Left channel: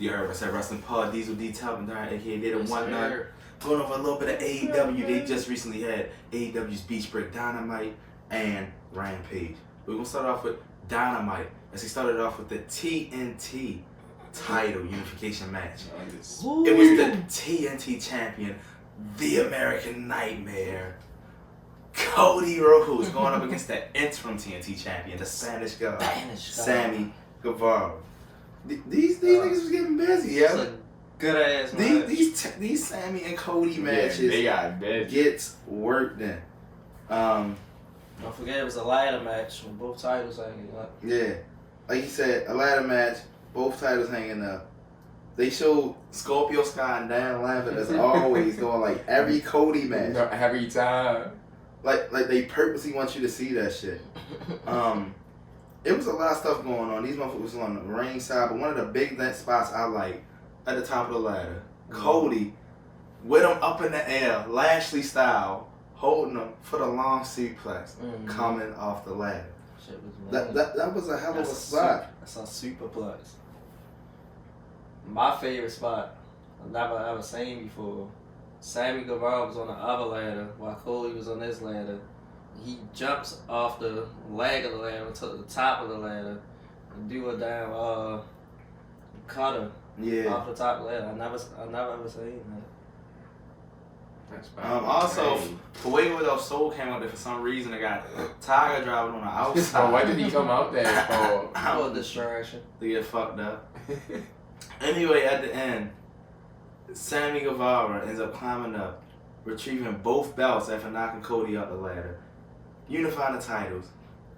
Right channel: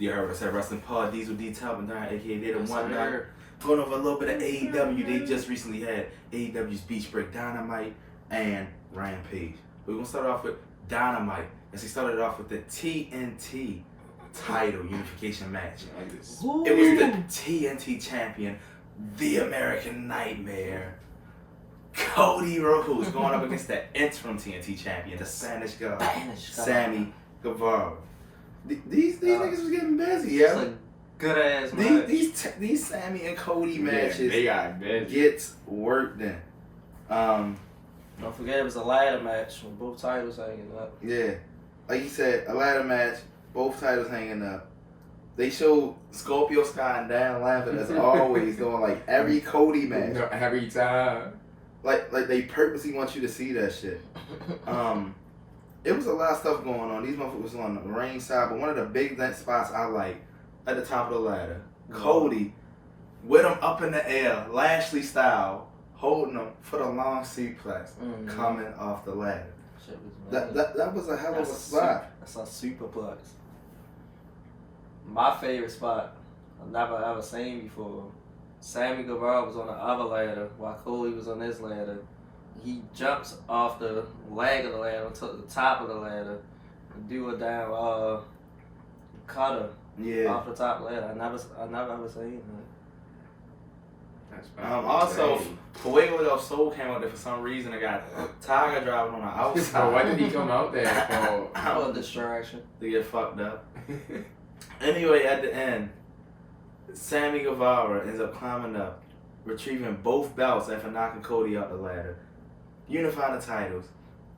You heard what I said, Wrestling Pod, Diesel D Top and 9, aka They the One Nine. Going over a little bit of AEW. They just recently had AEW's Beach Break, Dynamite, and Rampage. We're going to start off with Dynamite, as he started off with the TNT title unification match. Ooh. It was the TNT champion, the American Nightmare, Cody Rhodes, going up against the interim TNT champion, the Spanish guy, Sammy Guevara. These niggas was getting busy, yeah. It's a good ass match. These Sammy and Cody matches they got busy. gets work done. Don't forget it was a ladder match with both titles hanging up. Yeah, like you said, a ladder match, both titles hanging up. They showed Scorpio Sky and Dan Lambert as always doing like every Cody match. Every time. Like they purposely want you to see that shit. It was a lot of stuff going on. These motherfuckers was on the ringside, but one of the big spots I like at the top of the ladder, Cody with him up in the air, Lashley style, holding him for the long suplex coming off the ladder. Shit was That was a hell of a spot. That's a superplex. My favorite spot I've never ever seen before. Sammy Guevara was on the other ladder while Cody was on this ladder. He jumps off the leg of the ladder to the top of the ladder and do a damn cutter off the top of the ladder. I never ever seen that. That's Also, Fuego del Sol came out there for some reason. I got Tiger driving on the outside. Why did he come out there for? A distraction. To get fucked up. Anyway, at the end, Sammy Guevara ends up climbing up, retrieving both belts after knocking Cody out the ladder, unifying the titles.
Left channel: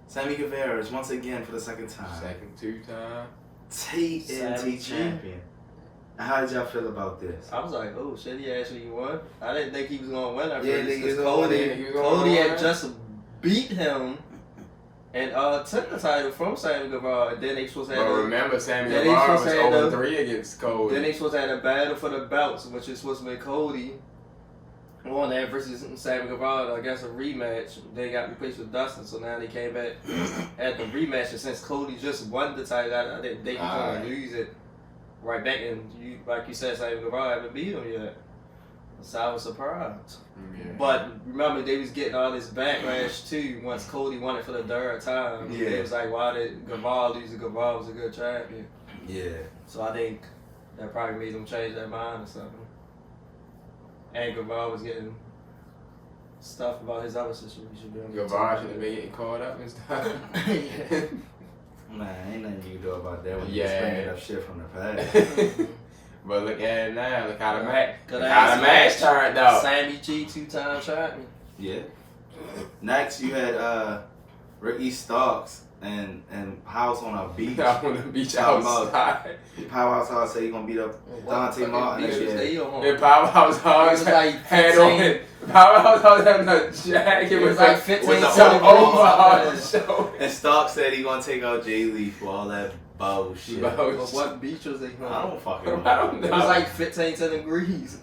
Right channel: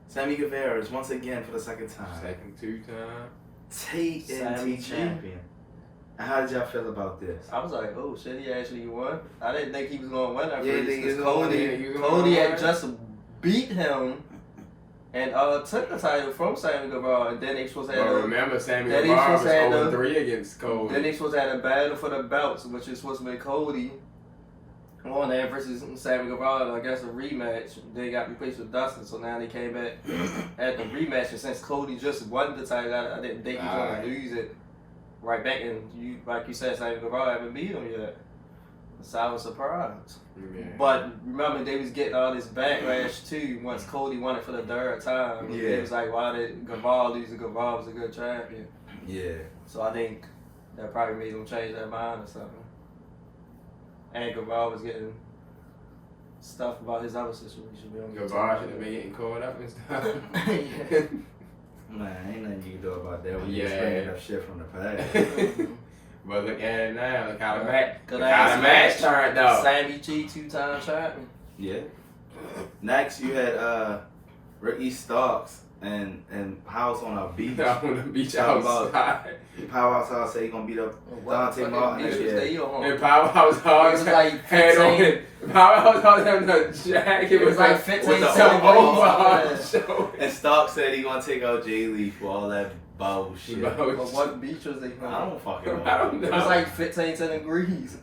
Sammy Guevara is once again for the second time Second two-time. TNT Sammy G. champion. And how did y'all feel about this? I was like, oh shit, he actually won. I didn't think he was gonna win at Yeah, first. nigga, he was Cody gonna had just beat him and took the title from Sammy Guevara, and then they supposed to have Remember, Sammy then they Guevara was supposed to have 0-3 against Cody. then they supposed to have a battle for the belts, which is supposed to be Cody on that versus Sammy Guevara. I guess a rematch. They got replaced with Dustin, so now they came back at the rematch. And since Cody just won the title, I didn't think he was gonna lose it right back. And you, like you said, Sammy Guevara haven't beat him yet, so I was surprised. Yeah. But remember, they was getting all this backlash too once Cody won it for the third time. Yeah. It was like, why did Guevara lose? Guevara was a good champion. Yeah. So I think that probably made them change their mind or something. And Guevara was getting stuff about his other situation. Guevara should have been getting caught up and stuff. Yeah. Nah, ain't nothing you can do about that when you Yeah. bringing up shit from the past. But look at it now. Look how the match. Good Look how ass the match match. turned out. Sammy G, 2-time champion. Yeah. Next, you had Ricky Starks and House on a beach. Down on the beach Talking about- outside. Powerhouse House say he gonna beat up Dante Martin next year. And Powerhouse House It was like had on 15. it. Powerhouse House had a jacket. It was like 15 with the centimeters. show. And Starks said he gonna take out Jay Lee for all that bullshit. But what beach was they I on? don't fucking know. I don't know. It was like 15 degrees.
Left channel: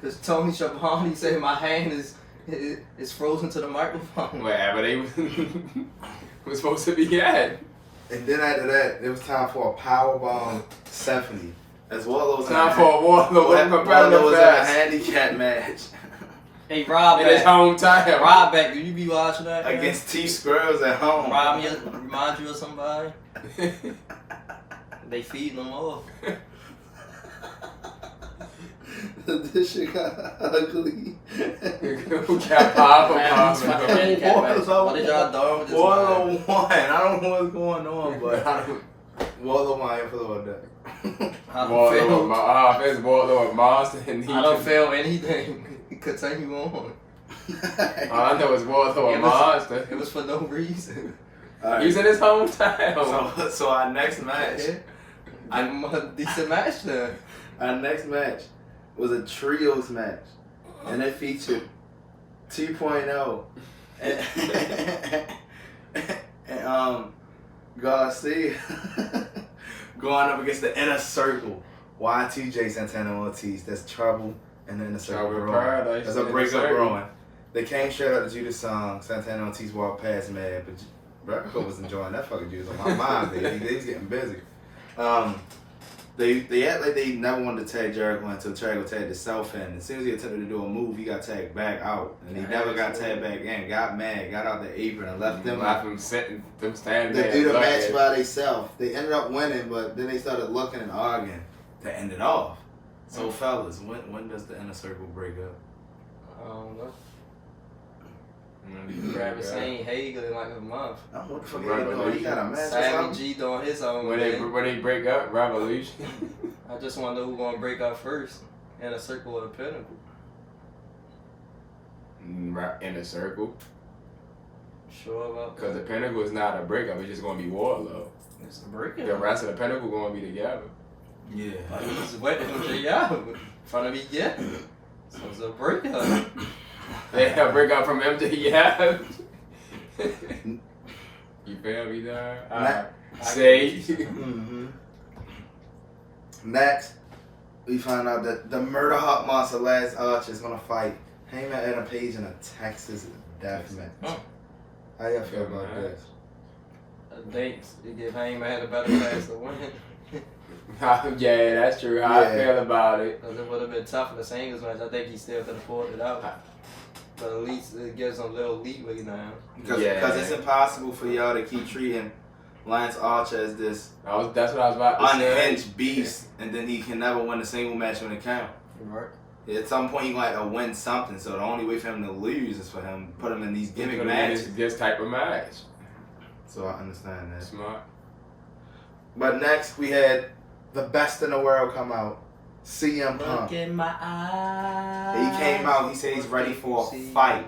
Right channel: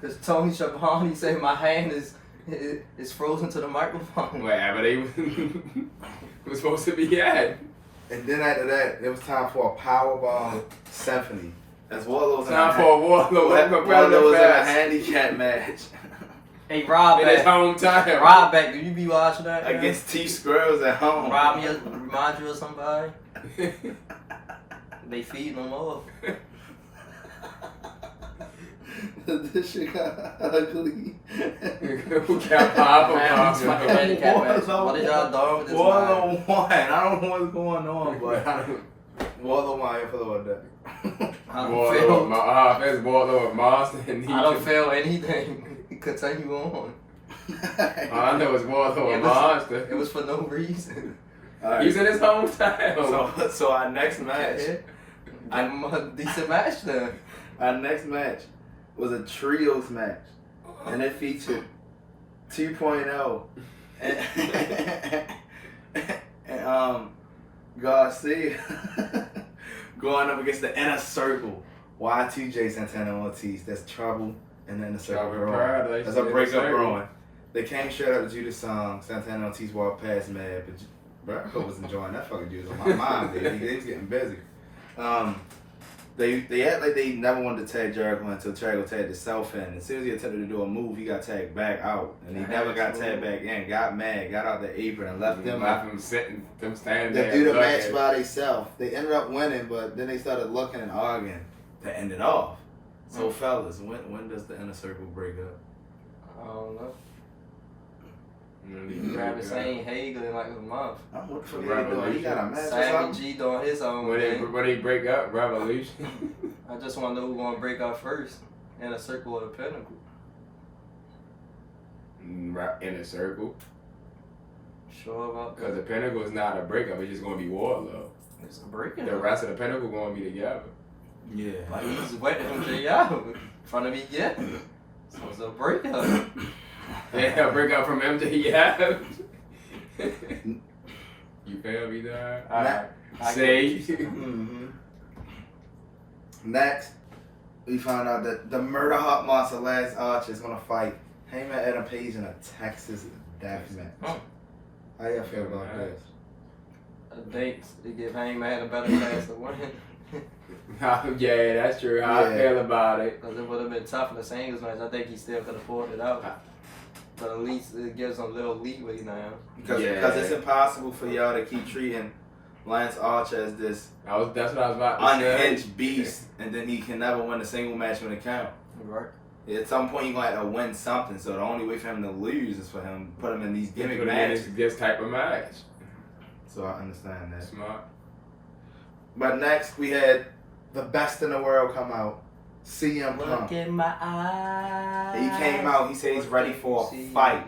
Because Tony Schiavone said my hand is frozen to the microphone. Whatever they was supposed to be at. And then after that, it was time for a powerbomb symphony. As Warlow was Time for a Warlow Warlow was in a handicap match Hey, Rob in his back. hometown. Rob back. Do you be watching that? man? against T Squirrels at home. Rob me, remind you of somebody? They feeding them off. This shit got ugly. Who got powerful Man, problems? it's fucking handicap match. Warlow What did y'all do with this Warlow line? won. I don't know what's going on, but Warlow won. I feel about that. I don't feel, It's Warlow and Monster. And I don't feel anything. Continue on. All I know is Warlow and Monster. It was for no reason. All right. He's in his hometown. So our next match, I'm a decent match then. our next match was a trios match, and it featured 2.0. And Garcia going up against the Inner Circle. Y2J Santana Ortiz. That's trouble in the Inner Circle brewing. There's a breakup brewing. They came straight out to Judas song. Santana Ortiz walked past mad, but Jericho was enjoying that fucking Judas on my mind, baby. They was getting busy. They act like they never wanted to tag Jericho until Jericho tagged himself in. As soon as he attempted to do a move, he got tagged back out, and he never got tagged back in. Got mad, got out the apron, and left them standing there. They do the match by themselves. They ended up winning, but then they started looking and arguing to end it off. So, fellas, when does the Inner Circle break up? I don't know. Travis ain't Hager in like a month. What the fuck are they doing? He got a match or Sammy something? G doing his own When they break up, Revolution. I just want to know who's going to break up first. Inner Circle or the Pinnacle. Inner Circle. Sure about that? Because the Pinnacle is not a breakup. It's just going to be Warlow. It's a breakup. The rest of the Pinnacle going to be together. Yeah. Like he's waiting for J.R. in front of me, yeah. So it's a breakup. Yeah, break out from MJF. You feel me there? Say. Mm-hmm. Next, we found out that the Murder Hot Monster Lance Archer is gonna fight Heyman Adam Page in a Texas death match. How y'all feel about this? I think they give Heyman a better chance to win. Yeah, that's true. How I feel about it. Because it would have been tough in the singles match. I think he still could have pulled it out. But at least it gives him a little leeway now. Because it's impossible for y'all to keep treating Lance Archer as this That's what I was about to say. unhinged beast, and then he can never win a single match when it counts. Right. At some point, he's going to have to win something, so the only way for him to lose is for him to put him in these gimmick matches. This type of match. So I understand that. Smart. But next, we had the best in the world come out. CM Punk. Look in my eyes. He came out, he said he's ready for a fight.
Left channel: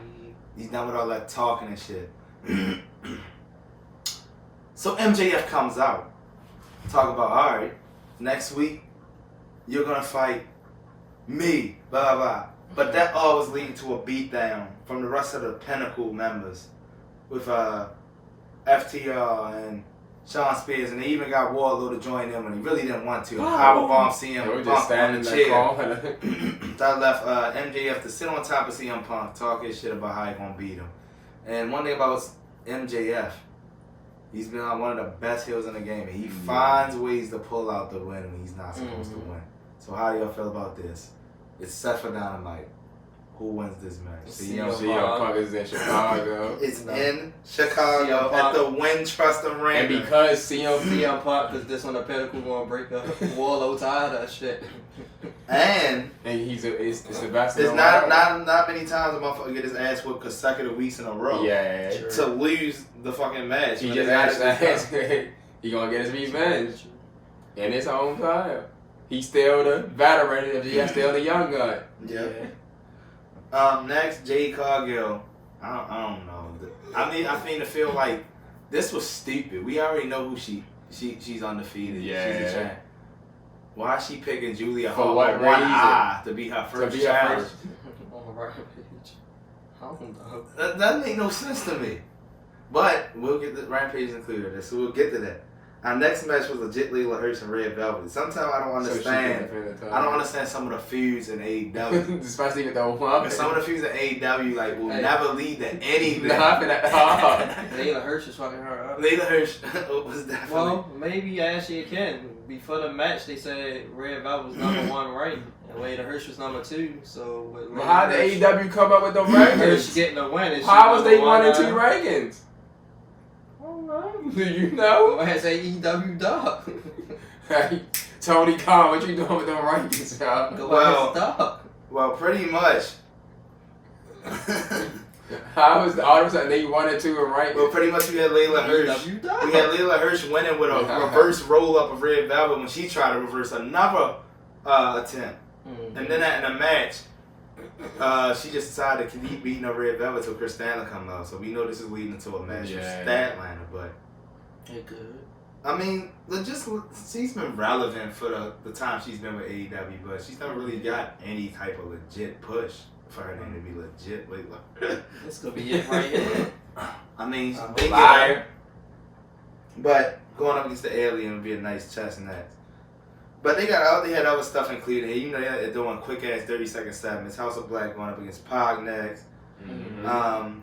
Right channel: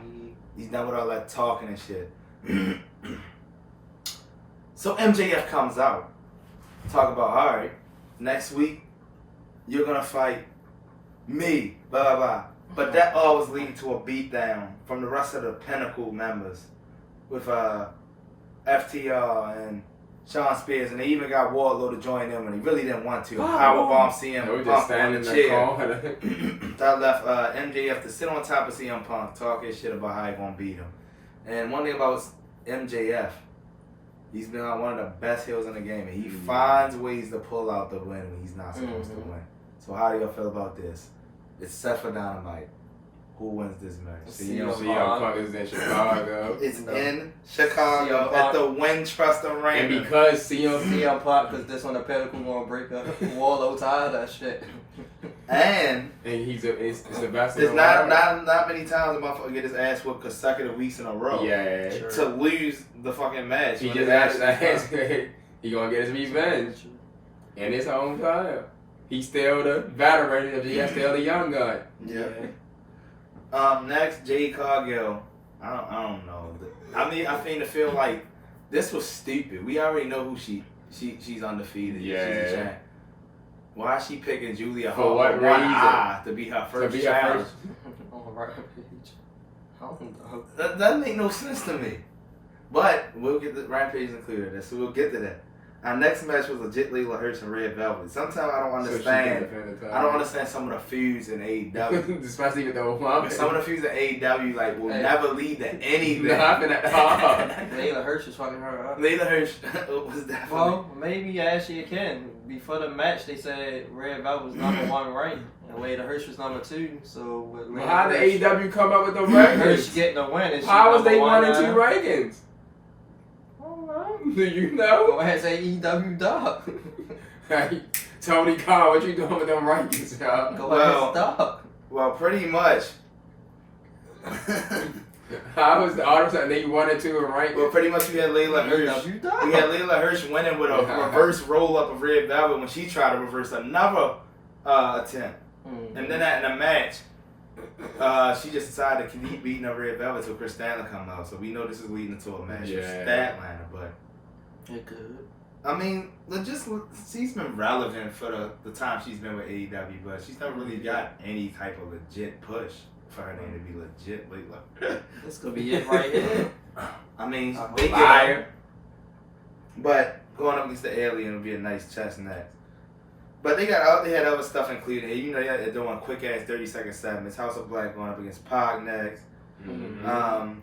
He's done with all that talking and shit. So MJF comes out. Talk about, alright, next week, you're going to fight me, blah, blah. But that always leads to a beatdown from the rest of the Pinnacle members with FTR and Sean Spears, and they even got Wardlow to join them, and he really didn't want to. Powerbomb CM Punk on the chair. That left MJF to sit on top of CM Punk, talk his shit about how he gonna beat him. And one thing about MJF, he's been on one of the best heels in the game, and he finds ways to pull out the win when he's not supposed to win. So how do y'all feel about this? It's set for Dynamite. Who wins this match? CM Punk is in Chicago. It's in Chicago at the Wintrust Arena. And because CM Punk, because this one the Pinnacle gonna break up. Warlow tired of that shit. And it's the best. There's not many times a motherfucker get his ass whooped consecutive weeks in a row. Yeah. To lose the fucking match. He just actually he gonna get his revenge in his own time. He's still the veteran. He's still the young gun. Yep. Next, Jade Cargill. I don't know. I feel like this was stupid. We already know who she's undefeated. Yeah. She's a champ. Why is she picking Julia For Hart what with one reason? eye to be her first challenge? On Rampage. I don't know. That doesn't make no sense to me. But we'll get the Rampage included, so we'll get to that. Our next match was legit Layla Hirsch and Red Velvet. Sometimes I don't understand. I don't understand some of the feuds in AEW. Especially with the woman. Some of the feuds in AEW will never lead to anything. Nothing at all. Layla Hirsch is fucking her up. Layla Hirsch was definitely. Well, maybe actually it can. Before the match, they said Red Velvet was number 1 ranked, and Layla Hirsch was number 2. So with How did AEW come up with the Hirsch rankings? getting a win? How was they 1 and 2 rankings? Do you know? Go ahead and say AEW dog. Hey, Tony Khan, what you doing with them rankings, y'all? Go ahead and stop. Well, pretty much. How was all of a sudden they 1 and 2 in rankings? Well, pretty much we had Layla Hirsch. We had Layla Hirsch winning with a reverse roll up of Red Velvet when she tried to reverse another attempt. And then in a match, she just decided to keep beating up Red Velvet until Chris Stanley come out. So we know this is leading to a match with Statlander, but it could. I mean, she's been relevant for the time she's been with AEW, but she's never really got any type of legit push. for her name to be legit. Wait, what? This could be it right here. I mean, I'm they a get liar. but going up against the alien would be a nice chess match. But they had other stuff included. You know, they're doing quick ass 30-second segments. House of Black going up against Pog next. Mm-hmm.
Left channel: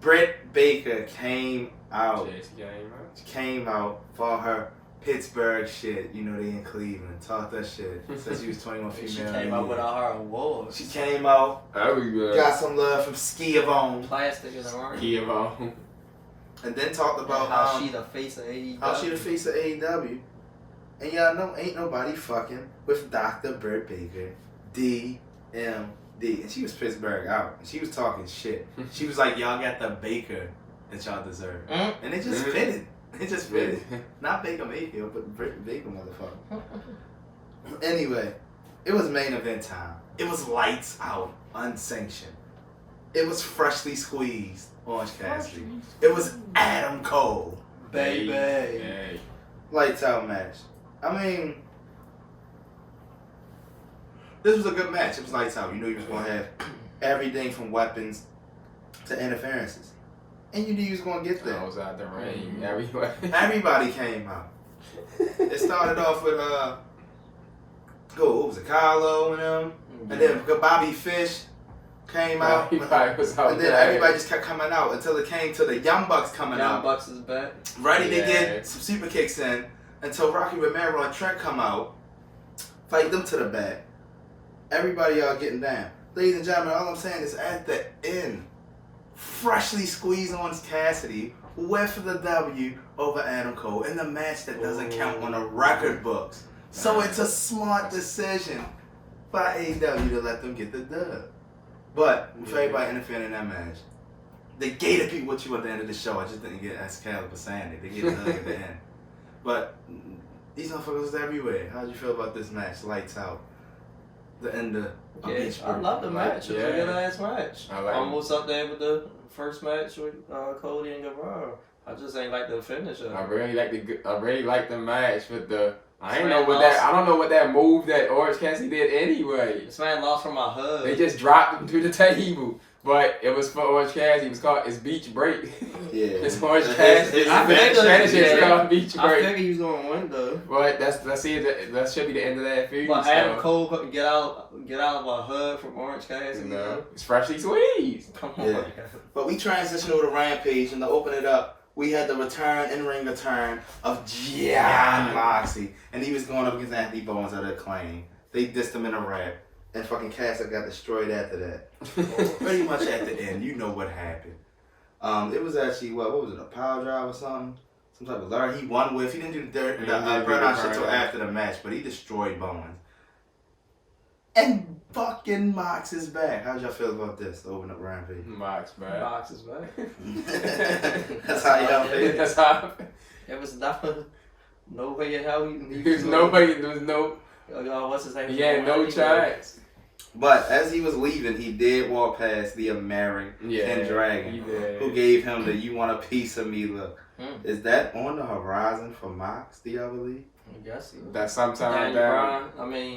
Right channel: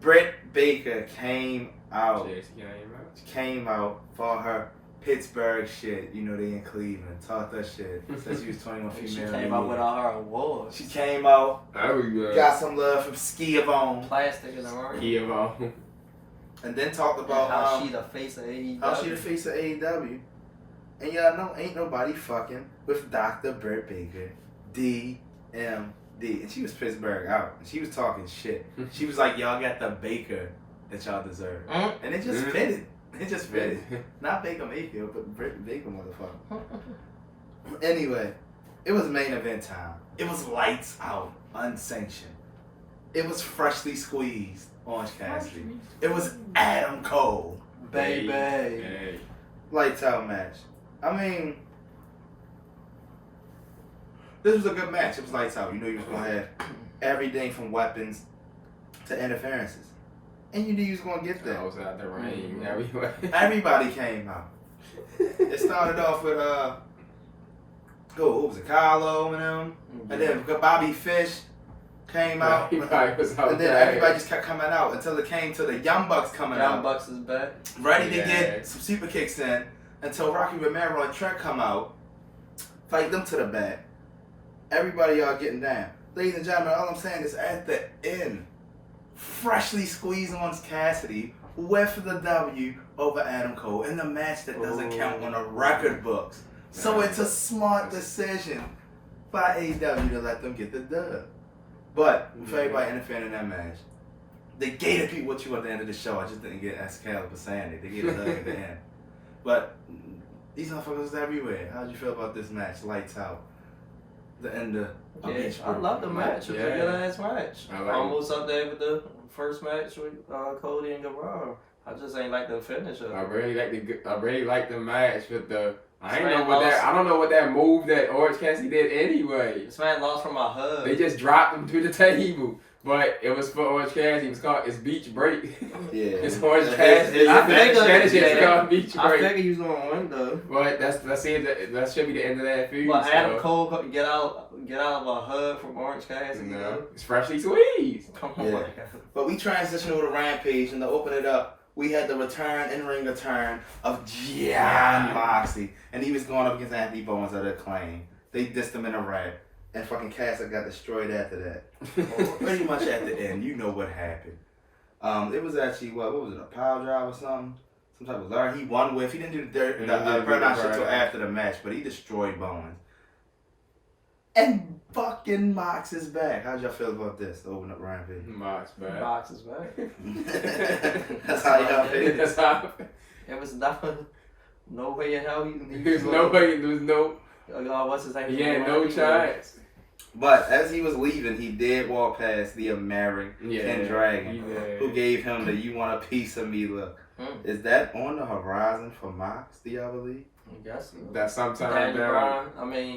Britt Baker came out. She Came out for her Pittsburgh shit. You know, they in Cleveland. Talk that shit. Said she was 21 female. She came out with all her awards. She came out. Oh, Got some love from Skiavone. Plastic in the arm. Skiavone. And then talked about how she the face of AEW. And y'all know ain't nobody fucking with Dr. Britt Baker. DMD. And she was Pittsburgh out. And she was talking shit. She was like, y'all got the Baker that y'all deserve. And it just fitted. It just fitted. Not Baker Mayfield, but Britt Baker, motherfucker. Anyway, it was main event time. It was lights out, unsanctioned. It was freshly squeezed Orange Cassidy. It was Adam Cole. Baby. Hey. Lights out match. I mean, this was a good match. It was lights out. You knew you was going to have everything from weapons to interferences. And you knew you was going to get there. Outside the ring. Everybody came out. It started off with, who was it? Carlo and them. And then Bobby Fish came out. And then everybody just kept coming out until it came to the Young Bucks coming out. Young Bucks is back. Ready to get some super kicks in until Rocky Romero and Trent come out. Fight them to the back. Everybody y'all getting down. Ladies and gentlemen, all I'm saying is at the end, freshly squeezed Orange Cassidy with the W over Adam Cole in the match that doesn't count on the record books. So it's a smart decision by AEW to let them get the dub. But for everybody interfering in that match, they gave the people what you at the end of the show. I just didn't get Excalibur saying it. They gave the hug at the end. But these motherfuckers was everywhere. How'd you feel about this match? Lights out. The end of Beach Break. I love the match. It was a good ass match. Almost up there with the first match with Cody and Guevara. I just ain't like the finish of it. I really like the match with the. I don't know what that move that Orange Cassidy did anyway. This man lost from a hug. They just dropped him to the table. But it was for Orange Cassidy. It's Beach Break. Yeah. It's Orange Cassidy. I figured it's called Beach Break. I figured he was going to win though. But that's it. That should be the end of that feud. But Adam Cole couldn't get out of a hug from Orange Cassidy. No, it's freshly squeezed. Come on. Yeah. But we transitioned over to Rampage, and to open it up, we had the in-ring return of Jon Moxley. And he was going up against Anthony Bowens at Acclaim. They dissed him in a rap. And fucking Cassidy got destroyed after that. Pretty much at the end, you know what happened. It was actually, what was it, a power drive or something? Some type of lure he won with. He didn't do the burnout shit till after the match, but he destroyed Bowens. And fucking Mox is back. How'd y'all feel about this? Open up Rampage. Mox back. Mox is back. That's how y'all feel. That's how. It was no way in hell There was no. What's his name? He had no chance. But as he was leaving, he did walk past the American Dragon, who gave him the "You want a piece of me" look. Is that on the horizon for Mox? Do y'all believe? I guess so. That's sometime down.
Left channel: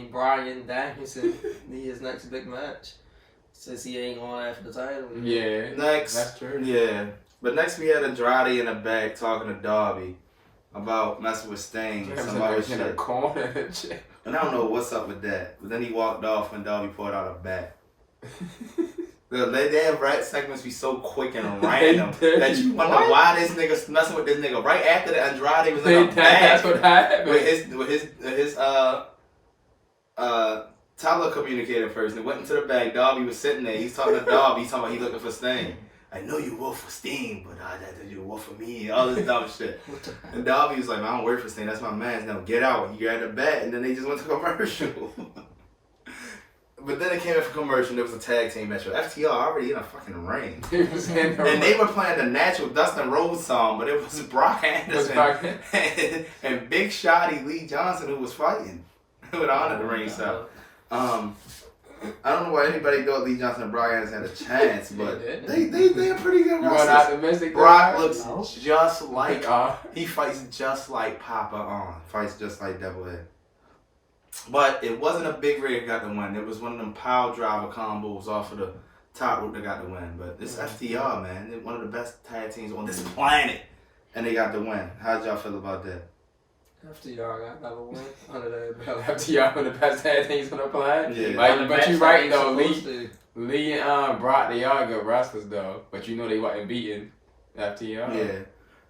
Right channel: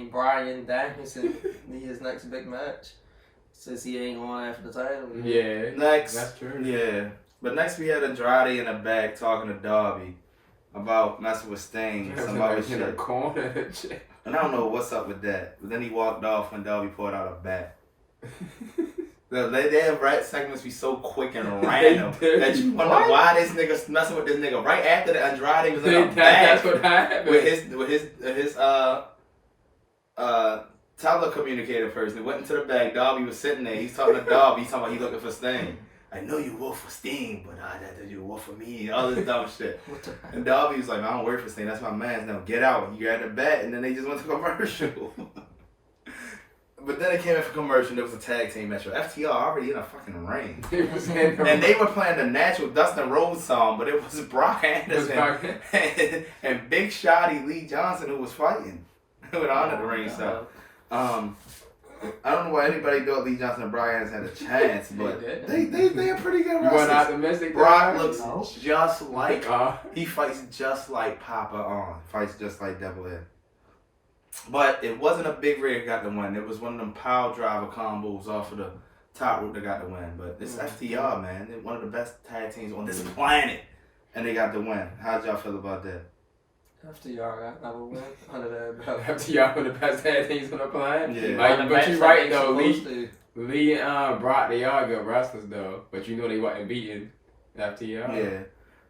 Brian Danielson need his next big match since he ain't going after the title. Yeah. Next, that's true. Yeah, but next we had Andrade in the back talking to Darby about messing with Sting, some other shit. And I don't know what's up with that. But then he walked off when Darby pulled out a bat. They have segments be so quick and random that you wonder why this nigga's messing with this nigga right after the Andrade was in the back. That's what happened. With his telecommunicator person went into the back. Darby was sitting there. He's talking to Darby. He's talking about he looking for Sting. I know you work for Sting, but you work for me. All this dumb shit. And Darby was like, I don't work for Sting. That's my man. Now get out. He grabbed the bat, and then they just went to commercial. But then it came in for commercial. There was a tag team match. FTR already in a fucking ring. And they were playing the natural Dustin Rhodes song, but it was Brock Anderson and Big Shotty Lee Johnson who was fighting. Who would honor the ring stuff. I don't know why anybody thought Lee Johnson and Brock Anderson had a chance, but they are pretty good wrestlers. Brock looks just like he fights just like Papa on. Fights just like Devil Head. But it wasn't a big rig that got the win. It was one of them power driver combos off of the top rope that got the win. But it's FTR, man. They're one of the best tag teams on this planet. And they got the win. How did y'all feel about that? FTR got another win under that belt. FTR one of the best tag teams on the planet. Yeah. Like, but you right though, Supposed Lee. to. Lee and Brock, they are good wrestlers though. But you know they wasn't beating FTR. Yeah.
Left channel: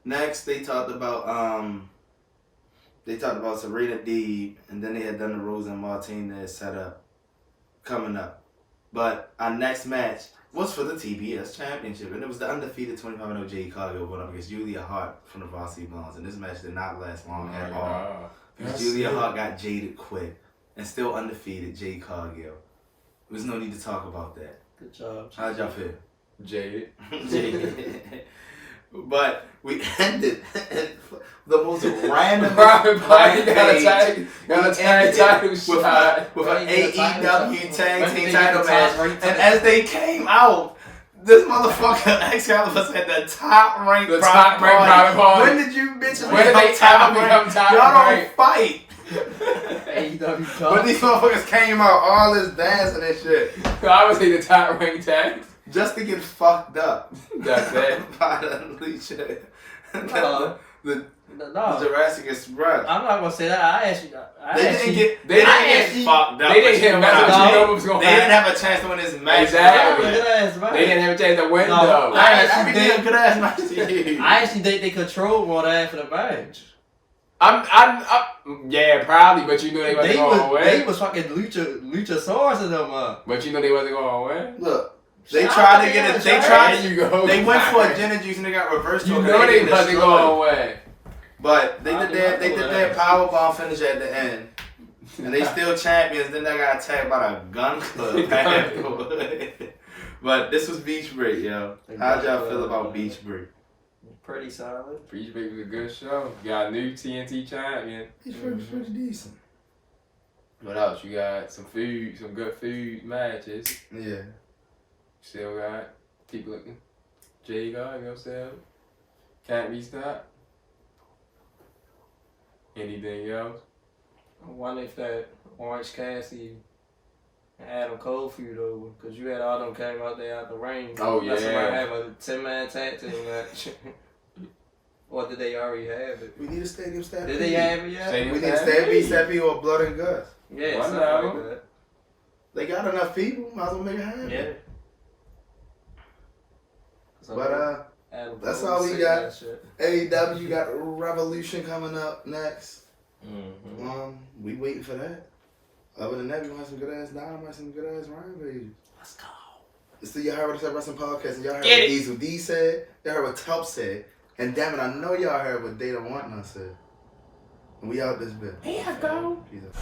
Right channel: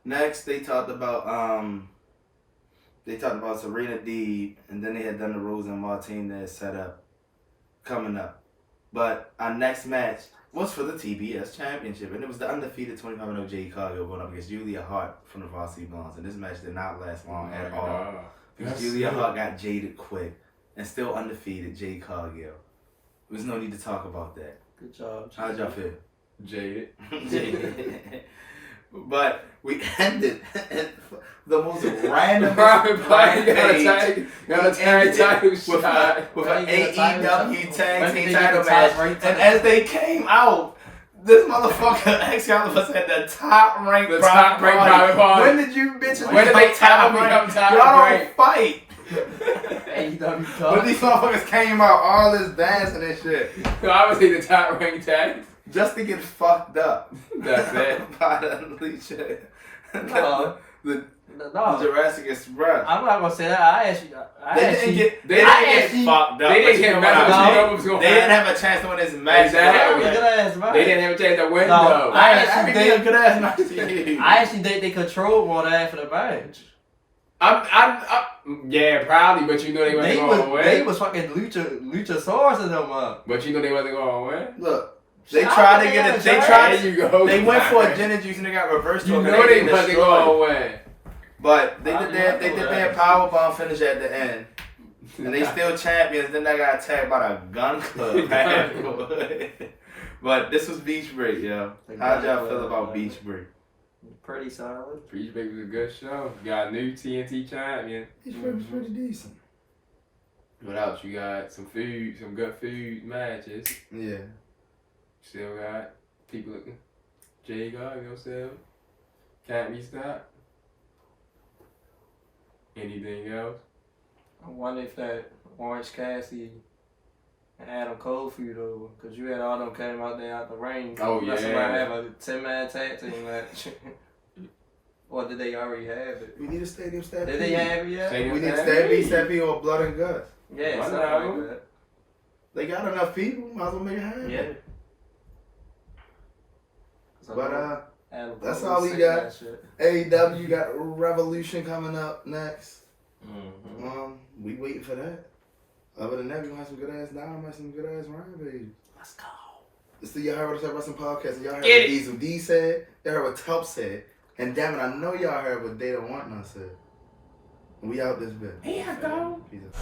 Next, they talked about Serena Deeb, and then they had done the Rose and Martinez setup coming up. But our next match was for the TBS Championship, and it was the undefeated 25-0 Jade Cargill going up against Julia Hart from the Varsity Blondes. And this match did not last long at all because Julia Hart got jaded quick, and still undefeated Jade Cargill. There's no need to talk about that. Good job. How'd y'all feel? Jade. But we ended the most random Got a tag title with shot. an AEW tag team title match. And as they came out, this motherfucker Excalibur said the top ranked private party. When did you bitches become top ranked? Y'all don't fight. AEW But these motherfuckers came out all this dancing and shit. I would say the top ranked tag. Just to get fucked up. That's it. By the Alicia. No. The No. Jurassic Express. I'm not gonna say that. They didn't get fucked up. They didn't get messed up. You know what was going on. They didn't have a chance to win this match. Exactly. Good ass match. They didn't have a chance to win No. though. I think a good ass match to you. I actually think they controlled more than half of the match. Yeah, probably, but you know they wasn't going to win. They was fucking Luchasaurus in them up. But you know they wasn't going to win. Look, they tried to get it. They tried. There you go. They went for a gin and juice and they got reversed. You know they wasn't going to win. But they did their powerbomb finish at the end, and they still champions. Then they got attacked by the Gunn Club. But this was Beach Break, yo. How'd y'all feel about Beach Break? Pretty solid. Beach Break was a good show. You got a new TNT champion. Beach Break was pretty decent. What else? You got some food, some good food matches. Yeah. Still got people. Jay Gargano still. Can't be stopped. Anything else? I wonder if that Orange Cassidy and Adam Cole feud over, because you had all them came out there out the ring. Oh, yeah. Somebody have a 10-man tag team match. Or did they already have it? We need a stadium stampede. Did they have it yet? We need a stampede or blood and guts. Yeah, something like that. They got enough people. Might as well make it happen. Yeah. But that's all we got. AEW got Revolution coming up next. Mm-hmm. We waiting for that. Other than that, we gonna have some good ass Dynamite, some good ass Rampage. Let's go. So y'all heard what I said Wrestling Podcast, and y'all heard what Diesel D said. Y'all heard what Tup said, and damn it, I know y'all heard what Data Want None said. And we out this bit. Here I go. Jesus.